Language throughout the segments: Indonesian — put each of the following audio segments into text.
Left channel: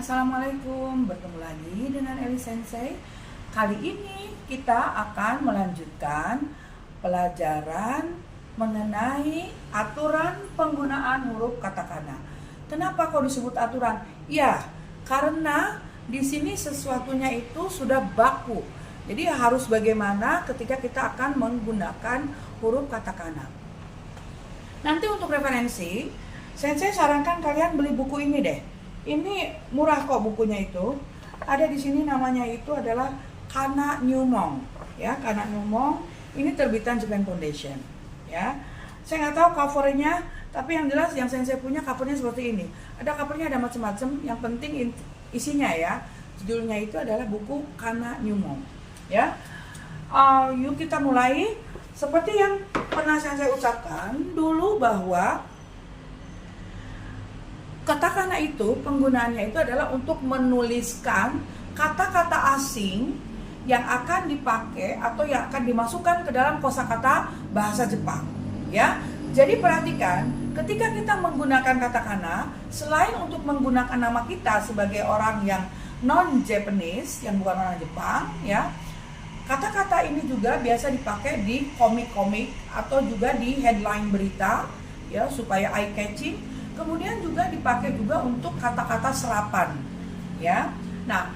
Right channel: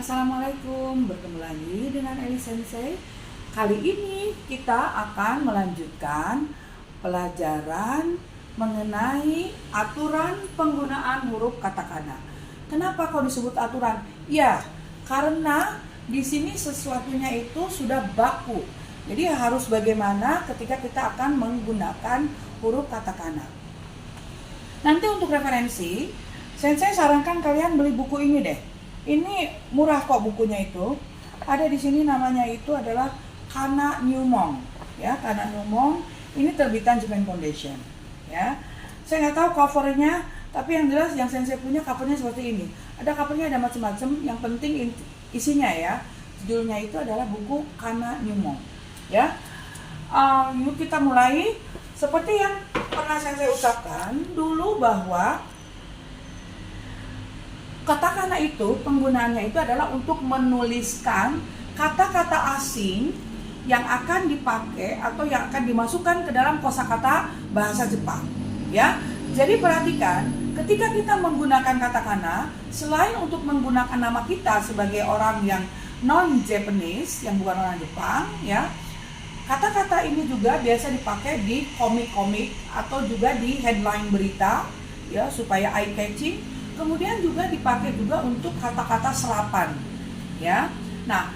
Assalamualaikum, bertemu lagi dengan Eli Sensei. Kali ini kita akan melanjutkan pelajaran mengenai aturan penggunaan huruf katakana. Kenapa kok disebut aturan? Ya, karena di sini sesuatunya itu sudah baku. Jadi harus bagaimana ketika kita akan menggunakan huruf katakana. Nanti untuk referensi, Sensei sarankan kalian beli buku ini deh. Ini murah kok bukunya itu. Ada di sini namanya itu adalah Kana Newmong. Ya, Kana Newmong ini terbitan Japan Foundation. Ya, saya nggak tahu covernya, tapi yang jelas yang Sensei punya covernya seperti ini. Ada covernya ada macam-macam. Yang penting isinya ya. Judulnya itu adalah buku Kana Newmong. Ya, yuk kita mulai. Seperti yang pernah Sensei ucapkan dulu bahwa katakana itu penggunaannya itu adalah untuk menuliskan kata-kata asing yang akan dipakai atau yang akan dimasukkan ke dalam kosakata bahasa Jepang. Ya, jadi perhatikan ketika kita menggunakan katakana, selain untuk menggunakan nama kita sebagai orang yang non-Japanese, yang bukan orang Jepang, ya, kata-kata ini juga biasa dipakai di komik-komik atau juga di headline berita, ya, supaya eye-catching. Kemudian juga dipakai juga untuk kata-kata serapan, ya. Nah,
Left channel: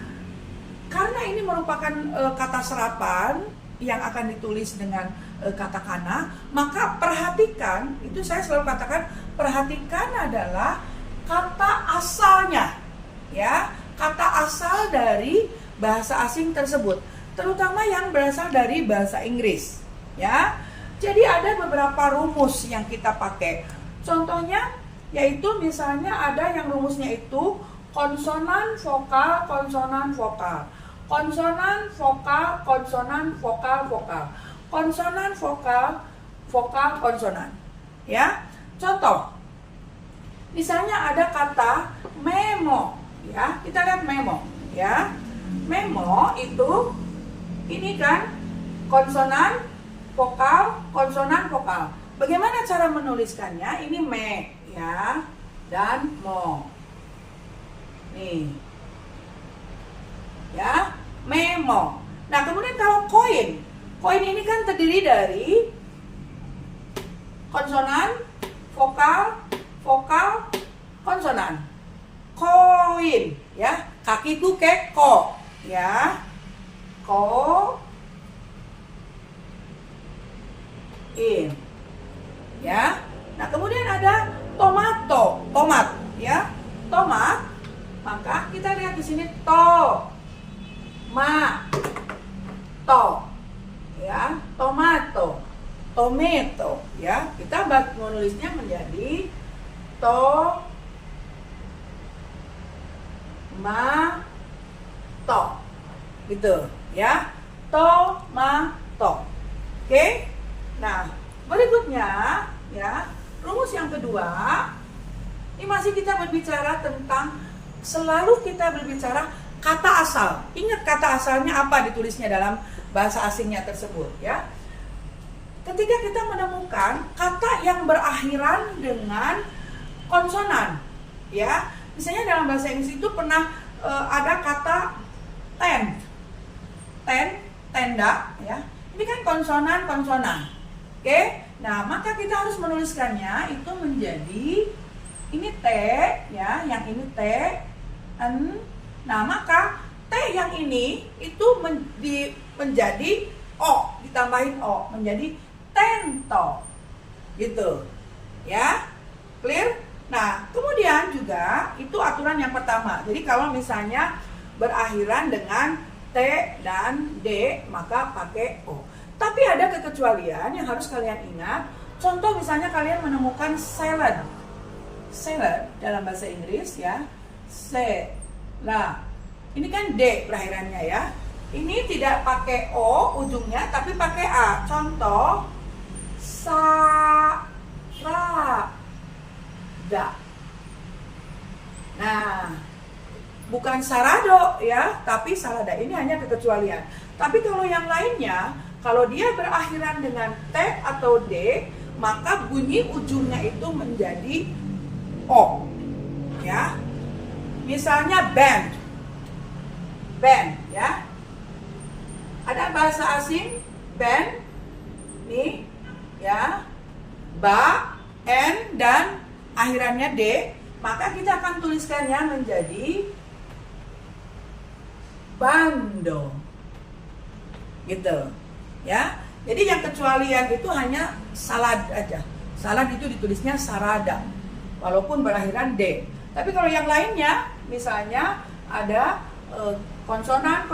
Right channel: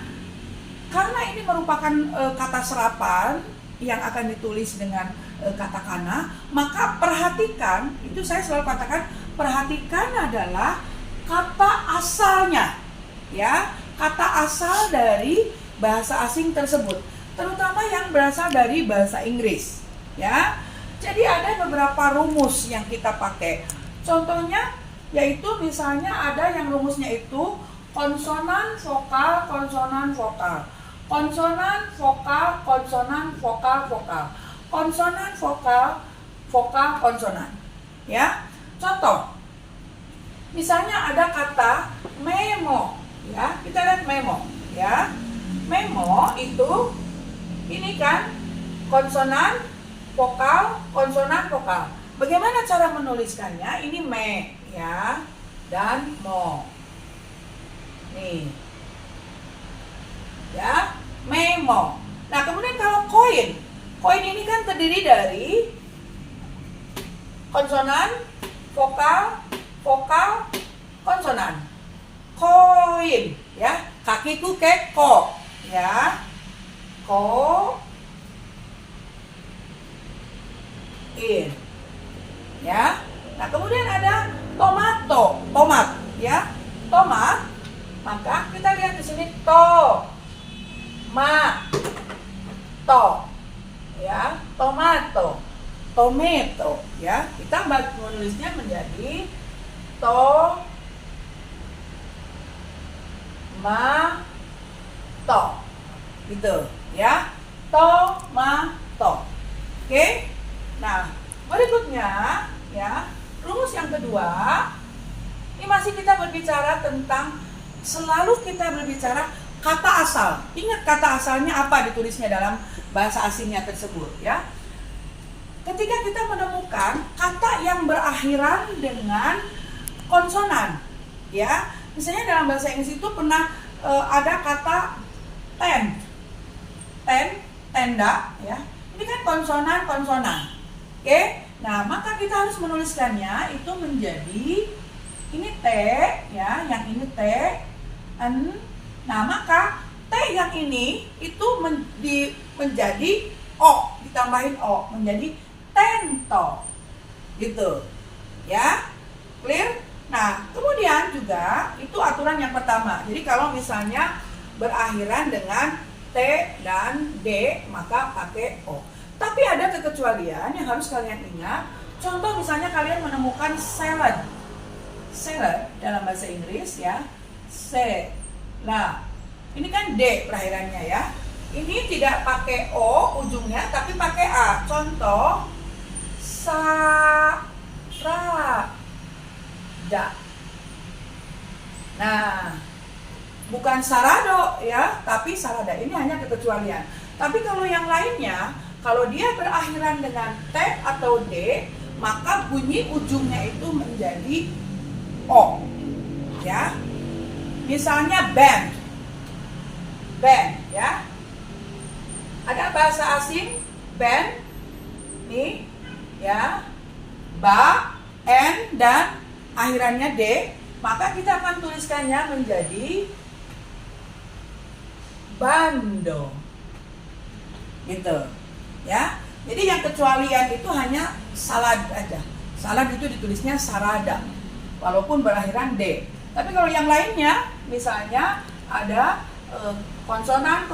karena ini merupakan kata serapan yang akan ditulis dengan katakana, maka perhatikan, itu saya selalu katakan, perhatikan adalah kata asalnya, ya, kata asal dari bahasa asing tersebut, terutama yang berasal dari bahasa Inggris, ya. Jadi ada beberapa rumus yang kita pakai. Contohnya yaitu misalnya ada yang rumusnya itu konsonan vokal, konsonan vokal, konsonan vokal, konsonan vokal, vokal, konsonan vokal, vokal, konsonan. Ya, contoh, misalnya ada kata memo, ya, kita lihat memo, ya, memo itu ini kan konsonan vokal, konsonan vokal. Bagaimana cara menuliskannya? Ini me, ya, dan mo. Nih, ya, memo. Nah, kemudian kalau koin, koin ini kan terdiri dari konsonan, vokal, vokal, konsonan. Koin, ya, kakiku keko, ya, ko, in, ya. Nah, kemudian ada tomato, tomat, ya, tomat. Maka kita lihat di sini to, ma, to, ya, tomato, tomato, ya. Kita menulisnya menjadi to, ma, to, gitu, ya, tomato. Oke. Nah, berikutnya, ya, rumus yang kedua, ini masih kita berbicara tentang, selalu kita berbicara kata asal. Ingat kata asalnya apa ditulisnya dalam bahasa asingnya tersebut, ya. Ketika kita menemukan kata yang berakhiran dengan konsonan, ya, misalnya dalam bahasa Inggris itu pernah ada kata tent, tenda, ya. Ini kan konsonan. Oke. Nah, maka kita harus menuliskannya itu menjadi ini T, ya, yang ini T, N. Nah, maka T yang ini itu menjadi O, ditambahin O, menjadi tento. Gitu. Ya. Clear? Nah, kemudian juga itu aturan yang pertama. Jadi kalau misalnya berakhiran dengan T dan D, maka pakai O. Tapi ada kekecualian yang harus kalian ingat. Contoh misalnya kalian menemukan salad. Salad dalam bahasa Inggris, ya. Ini kan D berakhirannya, ya. Ini tidak pakai O ujungnya tapi pakai A. Contoh sarada. Nah, bukan sarado, ya, tapi salada. Ini hanya kekecualian. Tapi kalau yang lainnya, kalau dia berakhiran dengan T atau D, maka bunyi ujungnya itu menjadi O, ya. misalnya band. Band ya. Ada bahasa asing band nih ya. Ba, N dan akhirannya D, maka kita akan tuliskannya menjadi bando. Gitu. Ya. Jadi yang kecualian itu hanya salad aja. Salad itu ditulisnya sarada walaupun berakhiran D. Tapi kalau yang lainnya misalnya ada konsonan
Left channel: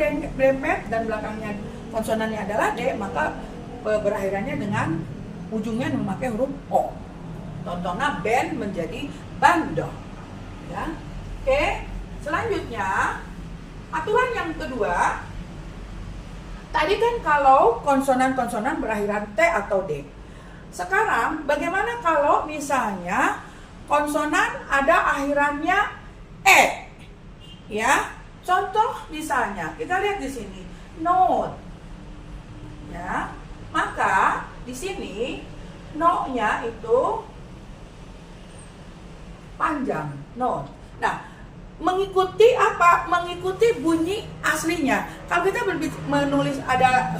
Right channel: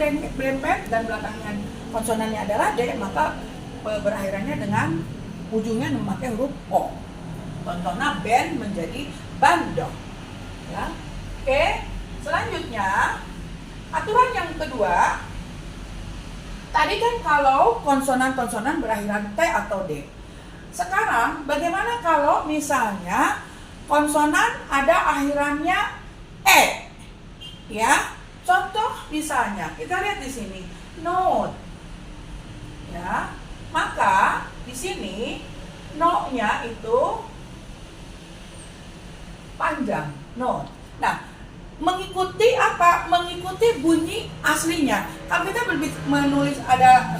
dempet dan belakangnya konsonannya adalah D, maka berakhirannya dengan ujungnya memakai huruf O. Contohnya band menjadi bando. Ya. Oke, selanjutnya aturan yang kedua. Tadi kan kalau konsonan-konsonan berakhiran T atau D. Sekarang bagaimana kalau misalnya konsonan ada akhirannya E? Ya. Contoh misalnya, kita lihat di sini, note. Ya. Maka di sini no-nya itu panjang, note. Nah, mengikuti apa? Mengikuti bunyi aslinya. Kalau kita menulis ada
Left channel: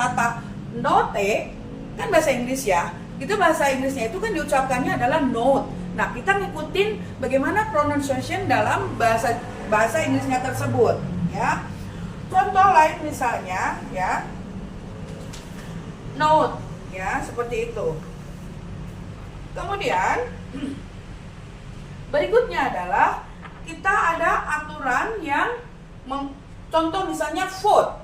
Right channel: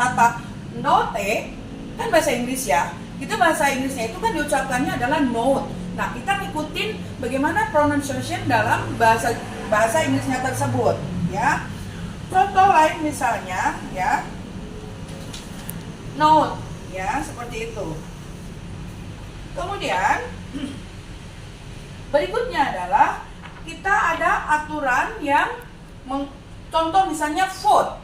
kata note, kan bahasa Inggris ya. Itu bahasa Inggrisnya itu kan diucapkannya adalah note. Nah, kita ngikutin bagaimana pronunciation dalam bahasa Inggrisnya tersebut, ya. Contoh lain misalnya, ya. Note, ya, seperti itu. Kemudian berikutnya adalah kita ada aturan yang contoh misalnya food.